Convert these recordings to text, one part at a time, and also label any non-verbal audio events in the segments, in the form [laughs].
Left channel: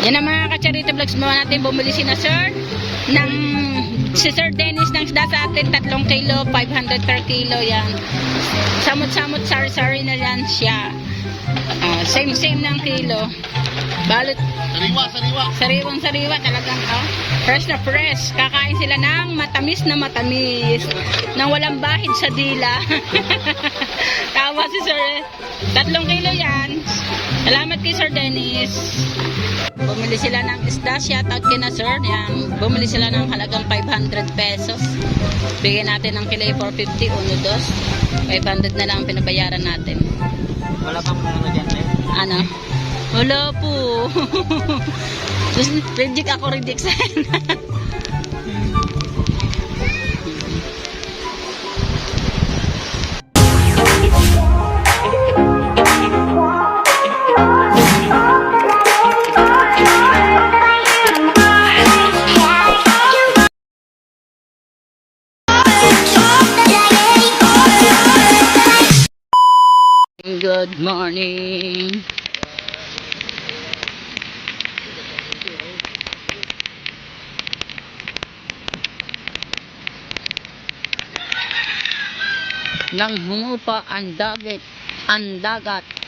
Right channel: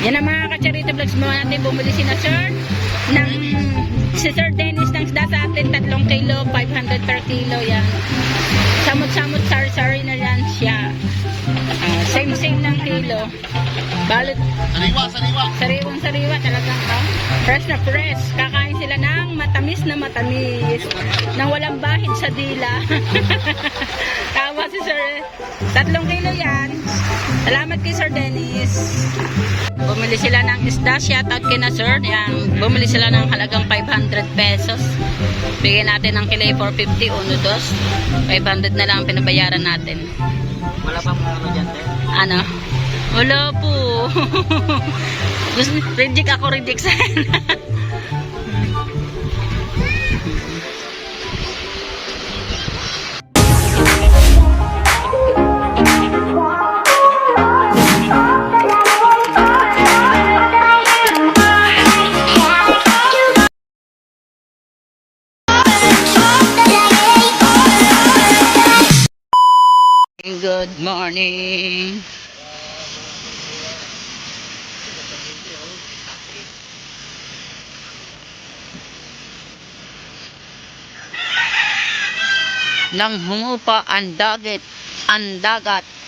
Yan ang mga kacharito vlogs mo natin bumili si na sir ng si Sir Dennis ng isda sa atin 3 kilo 500 per kilo yan. Samot-samot sari-sari na yan siya Ah, same same ng kilo balot Sariwa, sariwa. sariwang sariwa talagang oh, fresh na fresh kakain sila ng matamis na matamis nang walang bahid sa dila [laughs] tawa si Sir eh. tatlong kilo yan salamat kay Sir Dennis Bumili sila ng isda, shout out kay na sir. Yan, bumili sila ng halagang 500 pesos. Bigyan natin ng kilay 450, uno dos. 500 na lang ang pinabayaran natin. Wala pang ano dyan, eh. Ano? Wala po. [laughs] Reject ako, reject sana. [laughs] Morning. Nang humupa ang dagat, ang dagat.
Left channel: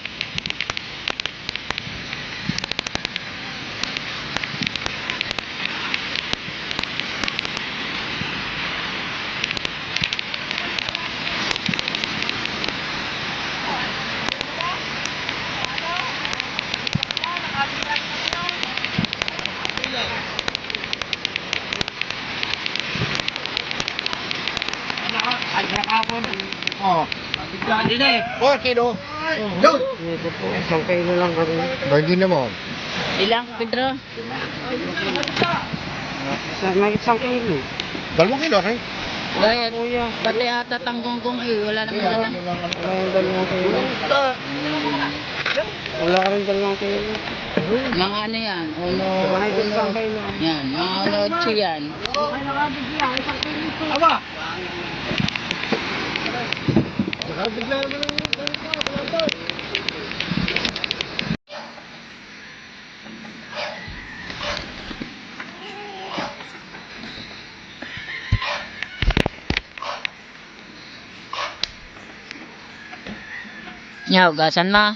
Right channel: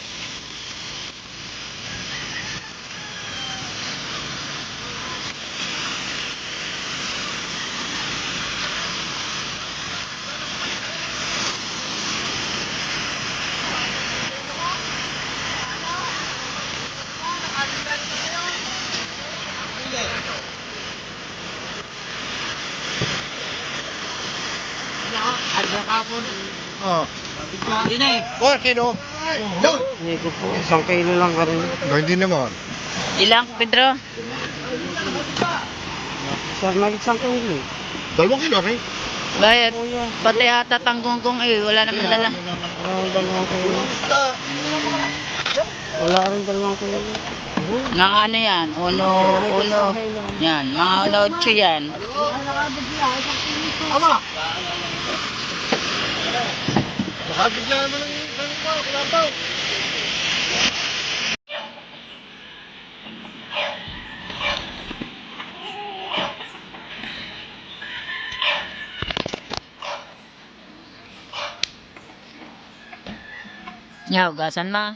Oh. Hindi na eh. Oh, kilo. Yun. Hindi po, isang kilo lang ka rin. No, hindi naman. Ilang, Pedro? Sa may isang kilo. Dalawang kilo, okay? Kuya, Pati ata tanggonggong eh, wala naman dala. wala rin dalawang kilo. Wala rin dalawang kilo. Mga ano yan, uno, uno, yan, mga uno, yan. Aba! Baka bigla naman ang sabi ko, kalabaw. Nya, ugasan mo.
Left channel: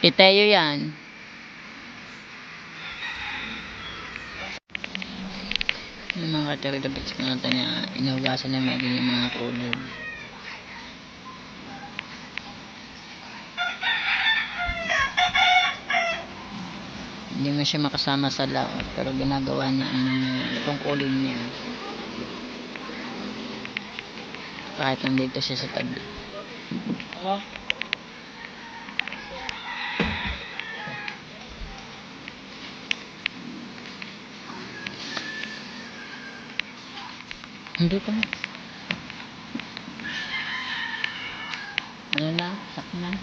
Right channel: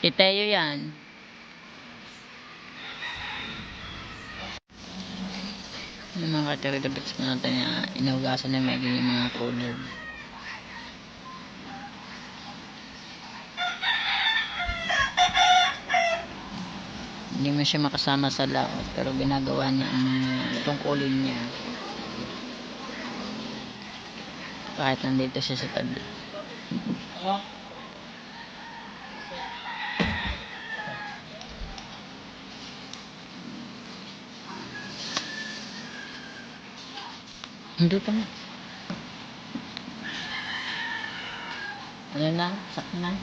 Iteyo yan. Yung mga katarito-bits ko natin niya, inugasan na medyo yung mga cooler. Hindi mo siya makasama sa laot, pero ginagawa niya ang mga tungkulin niya. Kahit nandito siya sa tabi. Hindi pa na. Ano na? Sakto na?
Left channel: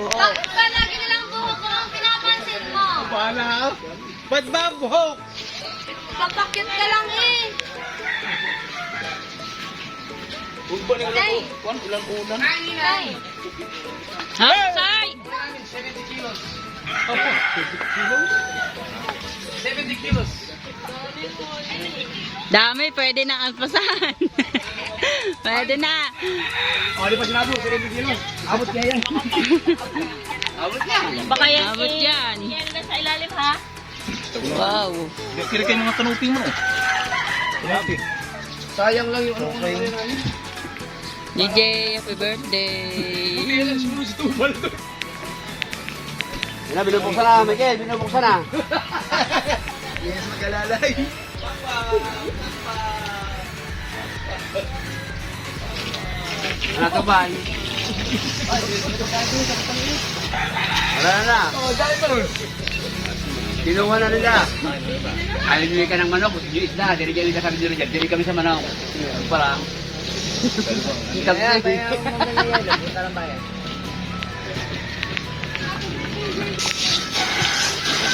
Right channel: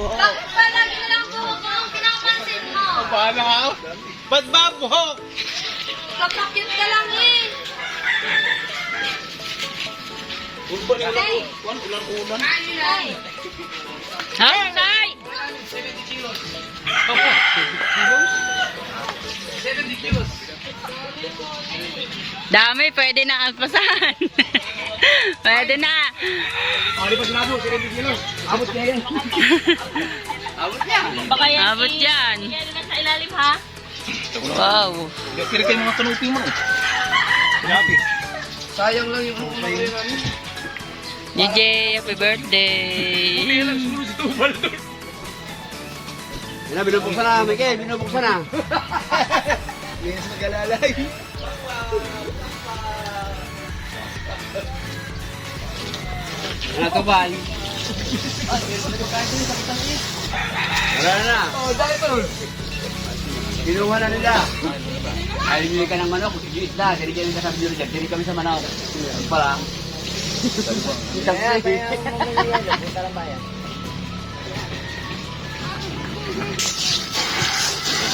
Bakit ba lagi na lang buhok ko ang pinapansin mo? Bahala ako. Ba't ba buhok? Kapakit ka lang eh. Ulpan yung Hey! ulan, ulan, ulan. Hey! Hey! 70 kilos. Dami, pwede na alpasan. [laughs] pwede na. Oh, di pa sinabo, 70 kilos. Abot niya yan. [laughs] Abot niya. Baka yan Abot yan. Yan na sa ilalim ha? Wow. Gasir kayo mga kanupi mo eh. Grabe. Sayang lang yung ano ano yun. DJ, happy birthday. Siguro si Tubal doon. Yan, binubuksan na, Miguel, binubuksan na. Yes, magalalay. Ano to ba? Wala na. Kinuha na nila. Alimigay ka ng manok, yung isda, dirigay ka sa dirigay, diri kami sa manok. Ano pala? Kami [laughs]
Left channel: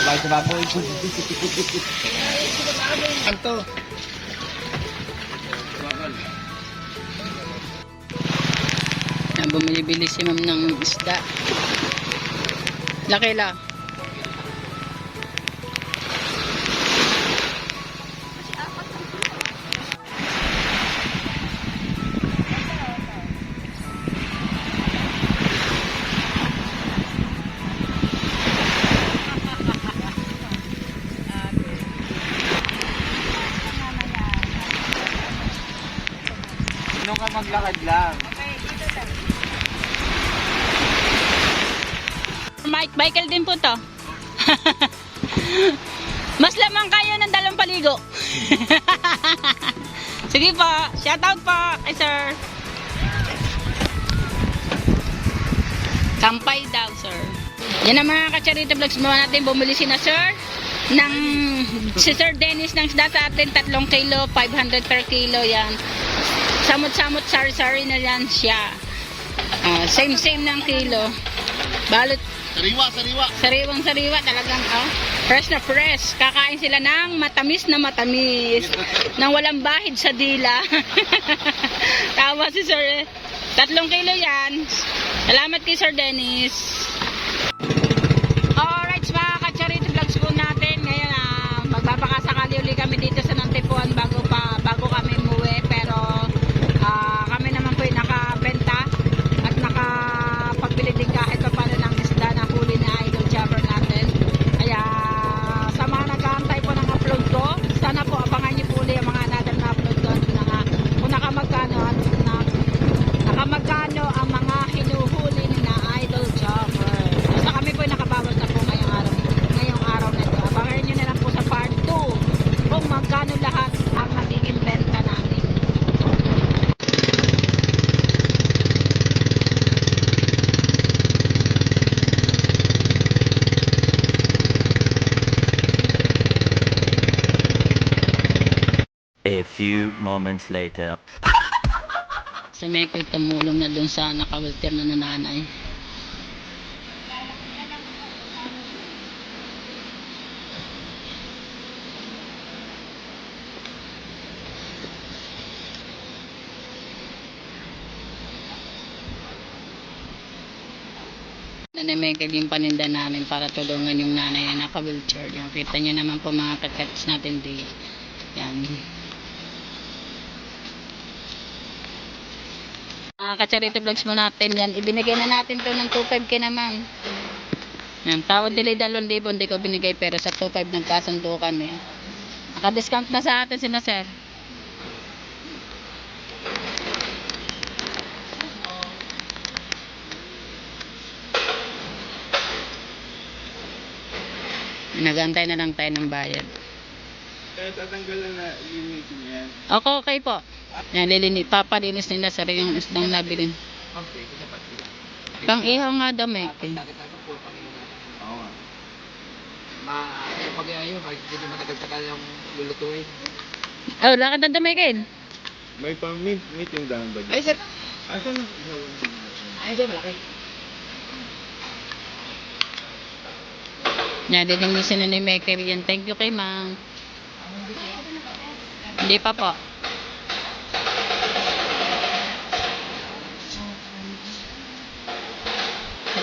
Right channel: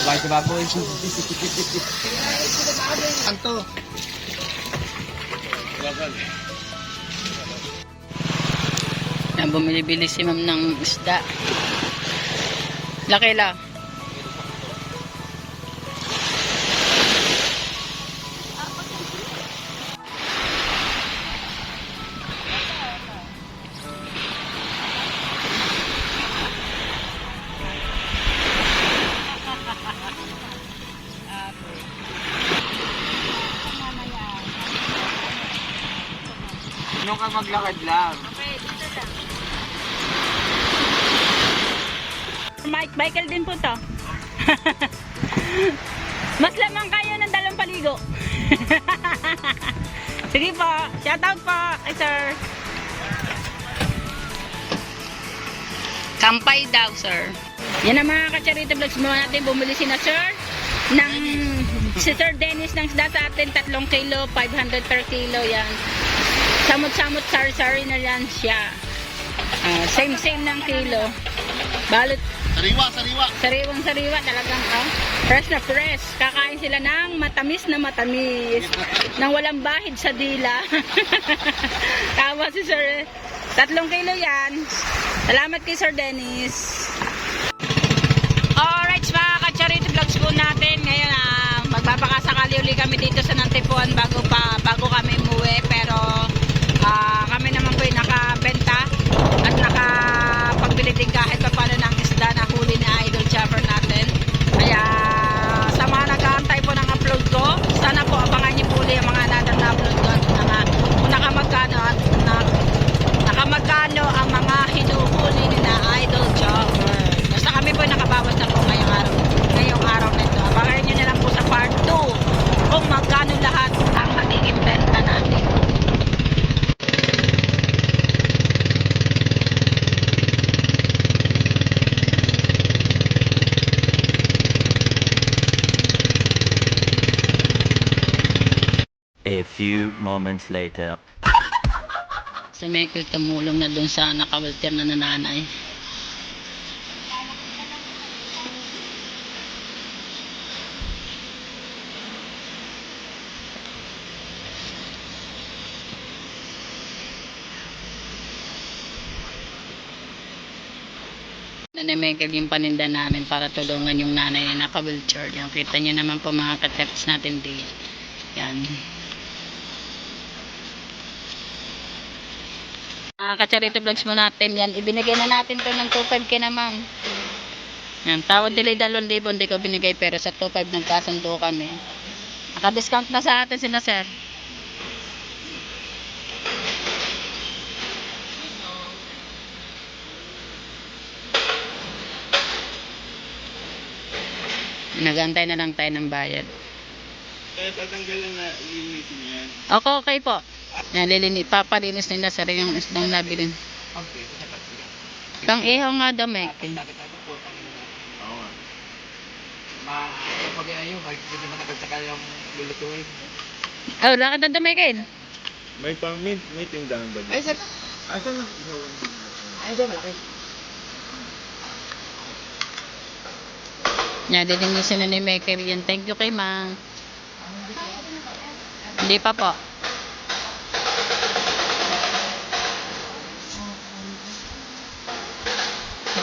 Bye sa baboy. Anto. Bumili-bili si ma'am ng isda. Laki la. Ano ka maglakad lang? Mike, Michael din po to. [laughs] Mas lamang kayo ng dalawang paligo. [laughs] Sige po, shout out po kay sir. Kampay daw, sir. Yan ang mga kacharito vlogs mo natin. Bumili si na sir ng si Sir Dennis ng isda sa atin 3 kilo, 500 per kilo yan. Samot-samot sari-sari na yan siya. Ah, same same ng kilo. Balot Sariwa, sariwa. Sariwang sariwa talagang oh. Fresh na fresh. Kakain sila ng matamis na matamis. Nang walang bahid sa dila. [laughs] Tawa si Sir. eh. Tatlong kilo yan. Salamat kay Sir Dennis. Alright, mga kacharito vlogs po natin. Ngayon, ah, magbabakasakali uli kami dito sa Nantipuan bago pa bago kami umuwi. Pero ah, kami naman po ay nakabenta at nakapagbili din kahit pa paano ng isda na huli na idol chopper natin. Kaya sa mga nag-aantay po ng upload ko, sana po abangan niyo po ulit ang mga another na upload ko at mga kung nakamagkano at na, nakamagkano ang mga hinuhuli ni na idol chopper. Basta kami po ay nakabawas na po ngayong araw, ngayong araw na ito. Abangan niyo na lang po sa part 2 kung magkano lahat ang magiging benta natin. A few moments later. [laughs] Si Michael tumulong na dun sa nakawalter na nananay. Nanay Michael yung paninda namin para tulungan yung nanay na naka-wheelchair. Yan, kita nyo naman po mga kateps natin di. Yan. Mga kacharito vlogs mo natin yan. Ibinigay na natin to ng 2.5 kay naman. Yan, tawad nila 2,000, hindi ko binigay pero sa 2.5 nagkasundo kami. Naka-discount na sa atin sila sir. Nagantay na lang tayo ng bayad. Eh, tatanggalan na linisin yan. Okay, okay po. Yan, lilini, papalinis nila sa yung isdang nabilin. Pang ihaw nga daw, Mike. Oo nga. Ma, pag ayaw, hindi matagal-tagal yung lulutuin. Oh, lakad na Mike. May pang mint, mint yung daan ba? Ay, sir. Asan? Ay, di, malaki. Yan, lilinisin na ni Mike yan. Thank you kay Mang. Hindi pa po.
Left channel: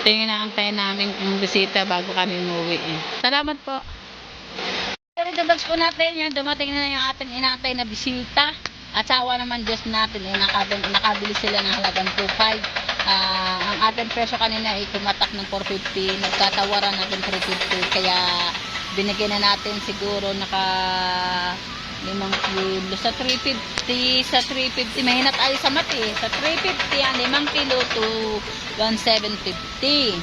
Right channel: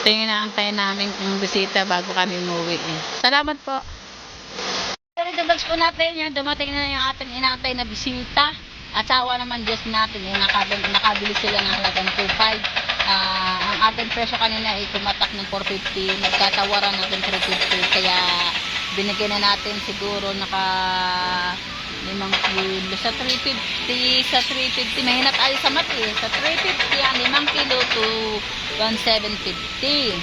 Ito yung inaantay namin yung bisita bago kami umuwi. Eh. Salamat po. Vlogs po natin yan. Dumating na yung ating inaantay na bisita. Asawa naman Diyos natin. Eh, nakabili, nakabili sila ng halagang 2.5. Ah, ang ating presyo kanina ay tumatak ng 450. Nagkatawaran natin 350. Kaya binigyan na natin siguro naka limang kilo. Sa 350 sa 350 mahina tayo sa mati. Sa 350 ang limang kilo to 1750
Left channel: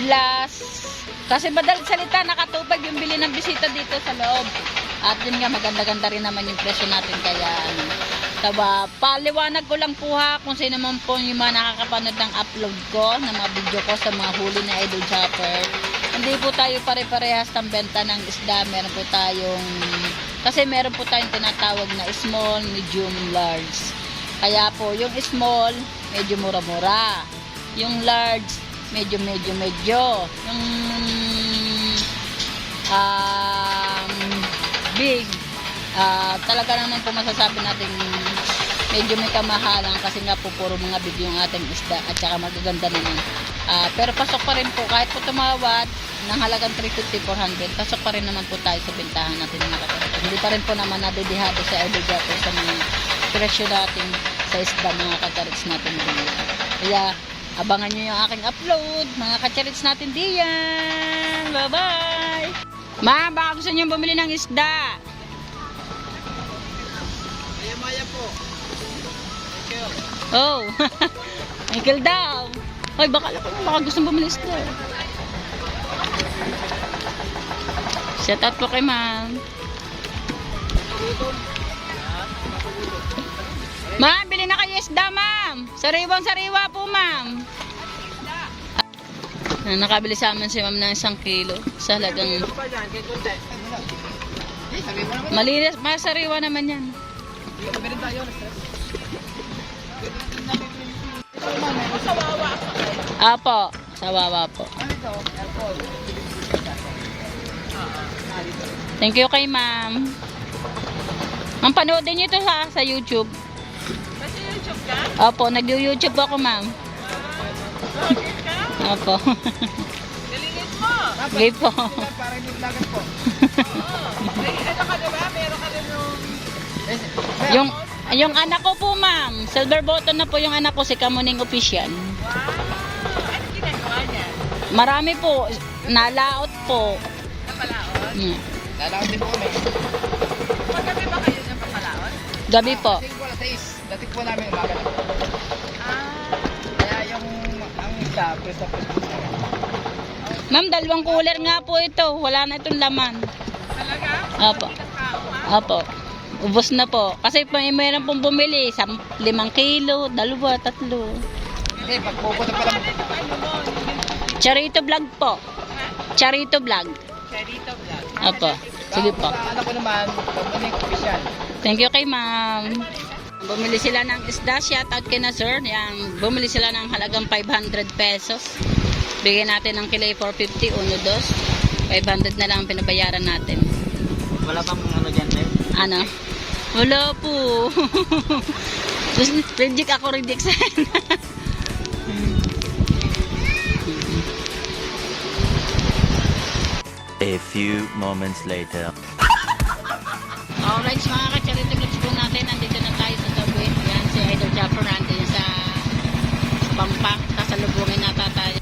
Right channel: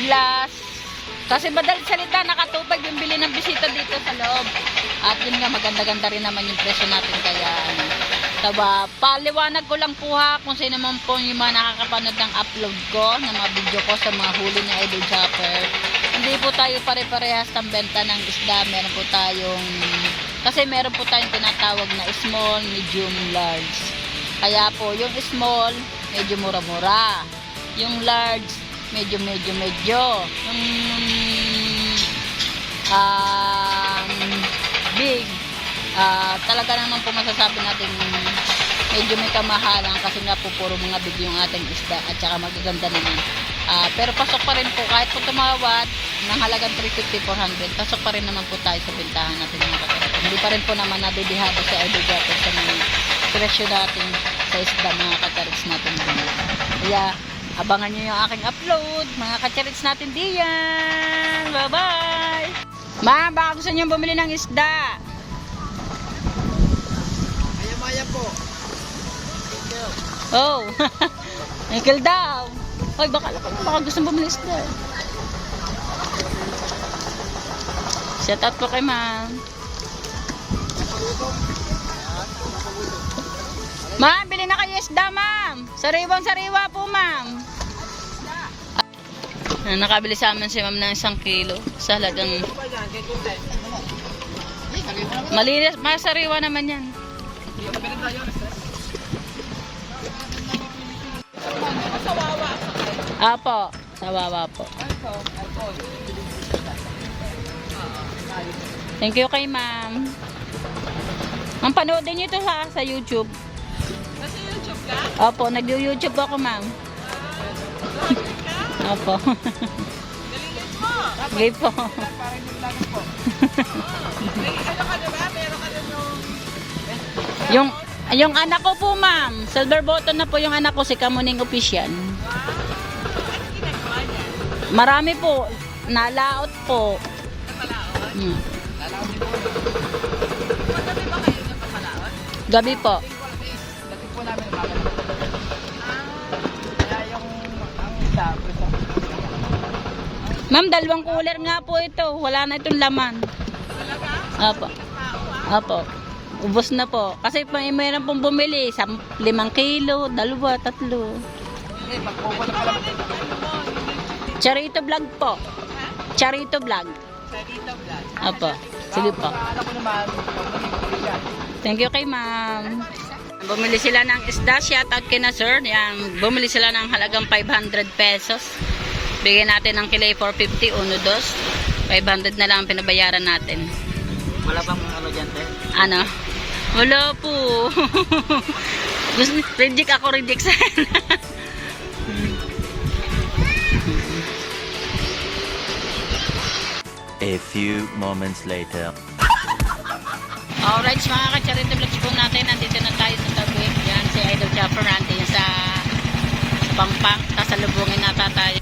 plus kasi madalit salita nakatupag yung bili ng bisita dito sa loob. At yun nga maganda-ganda rin naman yung presyo natin. Kaya ano, Taba, paliwanag ko lang po ha kung sino man po yung mga nakakapanood ng upload ko, ng mga video ko sa mga huli na Idol Chopper. Hindi po tayo pare-parehas ng benta ng isda. Meron po tayong, kasi meron po tayong tinatawag na small, medium, large. Kaya po, yung small, medyo mura-mura. Yung large, medyo, medyo, medyo. Yung um, big, ah talaga naman po masasabi natin medyo may kamahalan kasi nga po puro mga big yung ating isda at saka magaganda naman. Ah, pero pasok pa rin po kahit po tumawad ng halagang 350, 400, pasok pa rin naman po tayo sa bintahan natin mga kapatid. Hindi pa rin po naman nadidihado sa Gato sa mga presyo natin sa isda mga kakarits natin dito. Kaya abangan nyo yung aking upload mga kakarits natin diyan. Bye-bye! Ma, baka gusto nyo bumili ng isda. Oh. [laughs] Uncle daw. Ay, baka lang baka gusto bumili isda. Shout out po kay ma'am. Ma'am, bili na kayo isda, ma'am. Sariwang sariwa po, ma'am. Ah, nakabili sa amin si ma'am ng isang kilo. Sa halagang... Malinis, masariwa naman yan. Apo, sa wawa po. Thank you kay ma'am. Ma'am, panoodin niyo ito sa, sa YouTube. Sa YouTube ka? Opo, nag-YouTube ako ma'am. Opo. Galingin mo. Okay po. yung yung anak ko po ma'am, silver button na po yung anak ko si Kamuning Official. Marami po, nalaot po. Hmm. Gabi po. Dati po namin umaga. Kaya yung ang isa, ko. Ma'am, dalawang cooler nga po ito. Wala na itong laman. Talaga? Apo. Apo. Ubos na po. Kasi pa mayroon pong bumili. Sam, limang kilo, dalawa, tatlo. Hindi, pagpupunta pa lang. Charito vlog po. Charito vlog. Charito vlog. Apo. Sige po. Alam ko naman. Thank you kay ma'am. Bumili sila ng isda. Shout out kay na sir. Yan, bumili sila ng halagang 500 pesos. Bigyan natin ng kilay 450, uno, dos. 500 na lang ang pinabayaran natin. Wala pang ano dyan, sir? Ano? Wala po. [laughs] reject ako, reject sana. [laughs] A few moments later. Alright, mga ka-charity vlogs po natin. Nandito na tayo sa tabi. Yan, si Idol Chopper nandito sa, sa Pangpang. Kasalubungin nata tayo.